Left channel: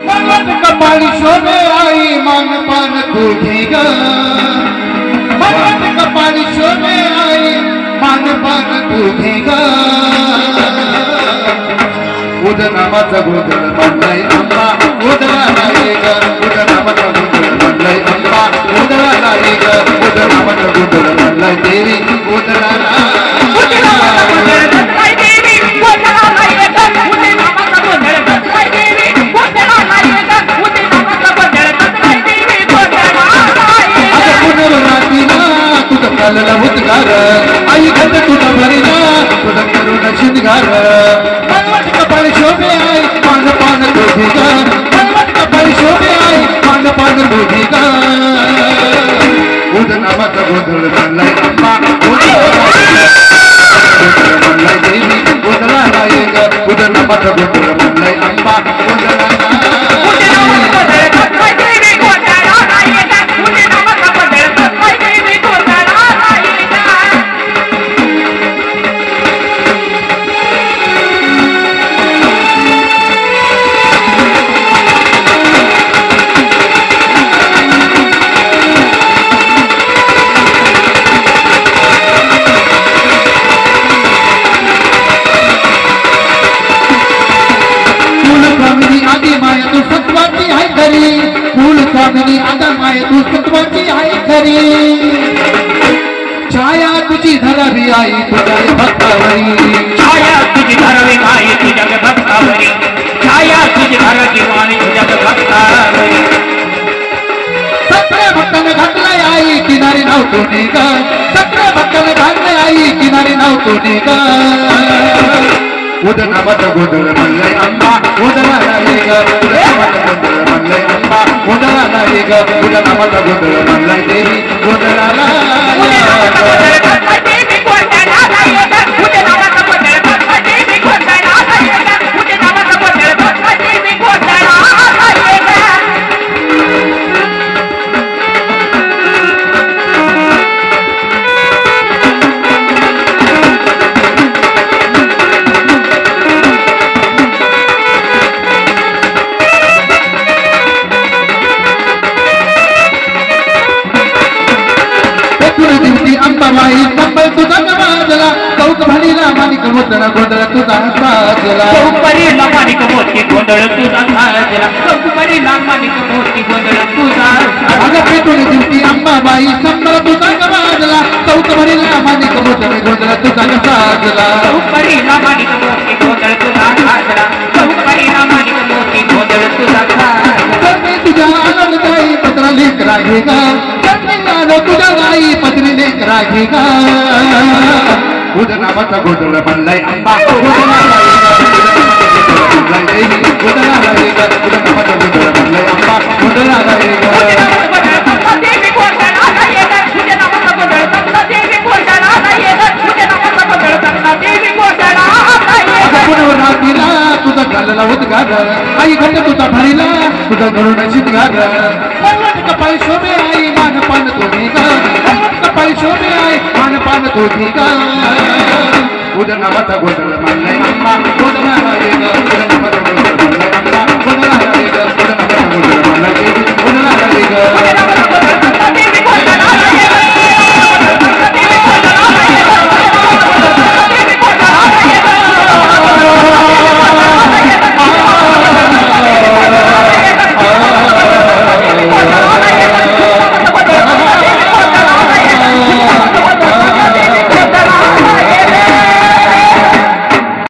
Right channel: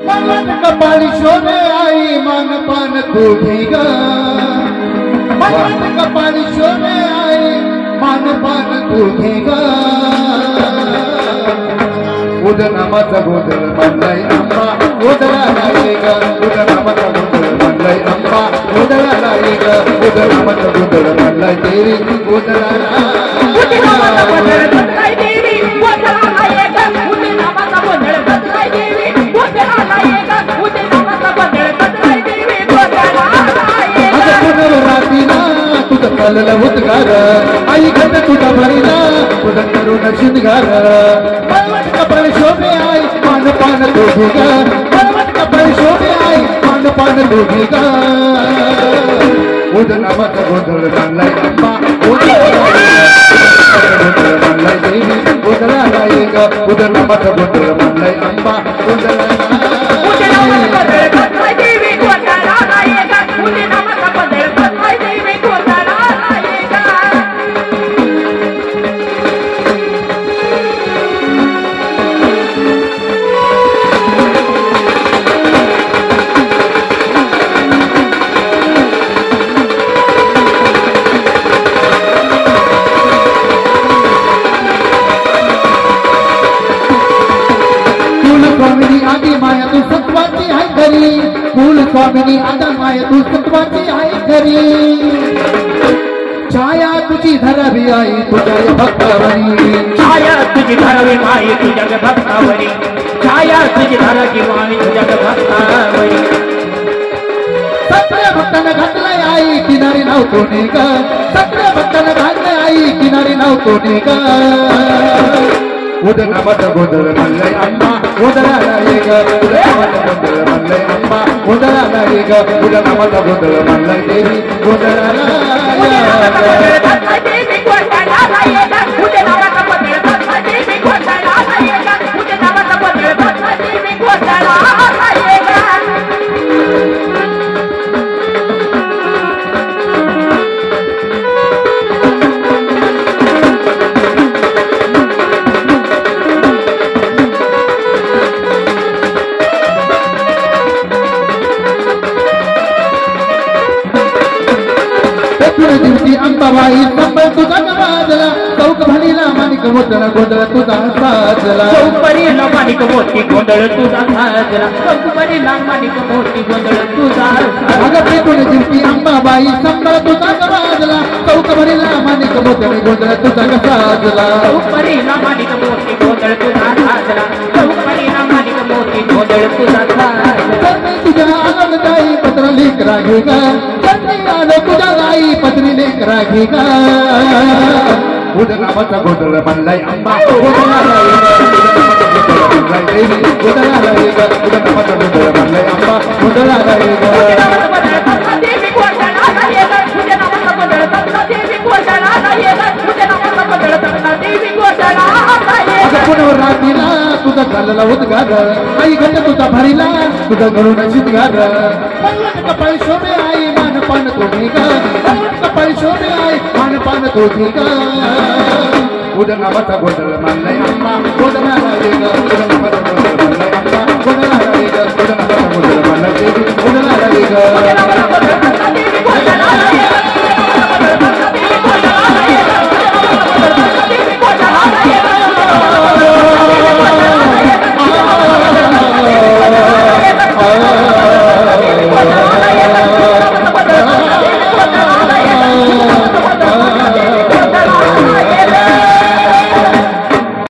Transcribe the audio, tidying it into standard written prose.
मनमत कपाळी शोभे आई मानपान तुझी ग मनमत कपाळी शोभे आई मानपान तुझी ग उदनामाचा गोधळ बांधलाय आंबा उदळाला ग उदनामाचा गोधळ बांधलाय आंबा उदळाला ग उदनामाचा गोधळ बांधलाय देवी उदळाला उद्गार आई घट तुझा भरीला तुझा करुण शिंगार मनमत कपाळी शोभे आई मानपान तुझी ग मनमत कपाळी शोभे आई मानपान तुझी ग उदनामाचा गोधळ बांधलाय आंबा बांधलाय देवी उदळाला ग उदनामाचा गोधळ बांधलाय आंबा उदळाला आदि माया तू सत्वाची आहे खरी फूल स्वामिनी आदा माया तू सत्वाची आहे खरी छाया तुझी धरावी आई तुझ्या भक्तावरी छाया तुझी धरावी आई तुझ्या भक्तावरी छाया तुझी धरावी आई तुझ्या भक्तावरी सगळ्या भक्ताने घातलाय आई किनारी नव्हतो ग सगळ्या भक्ताने घातलाय आई किनारी नव्हतो ग उदनामाचा गोधळ बांधलाय आंबा उदळाला ग उदनामाचा गोधळ बांधलाय आंबा उदळाला ग उदनामाचा गोधळ बांधलाय देवी उदळाला अंबाबाई संबळ तुझा गवाजला चौक भणीला माणिक मोतळा गोंधळ तुझा साजला चौकरीला माणिक मोती गोंधळ तुझा साजला चौकरीला माणिक मोती गोंधळ तुझा अगं पेटून दिवशी अंबाबाई संबळ तुझा गवाजला चौक भणीला माणिक मोतळे गोंधळ तुझा साजला चौकरीला माणिक मोती गोंधळ तुझा साजला चौकरीला माणिक मोती गोंधळ तुझा साजला तुझ्या आनंददायी पत्र लेख रागे गा तुझ्या गाई पत्री लेख रागे गा उदनामाचा गोधळ बांधलाय आंबा उदळाला देवी उदळाला ग उदनामाचा गोधळ बांधलाय आंबा उदळाला पुनरातीला तुझा चालला उद्गार आई घट तुझा भरीला तुझा करुण शिंगार मनमत कपाळी शोभे आई मानपान तुझी ग मनमत कपाळी शोभे आई मानपान तुझी ग उदनामाचा गोधळ बांधलाय आंबा उदळाला ग उदनामाचा गोधळ बांधलाय आंबा उदळाला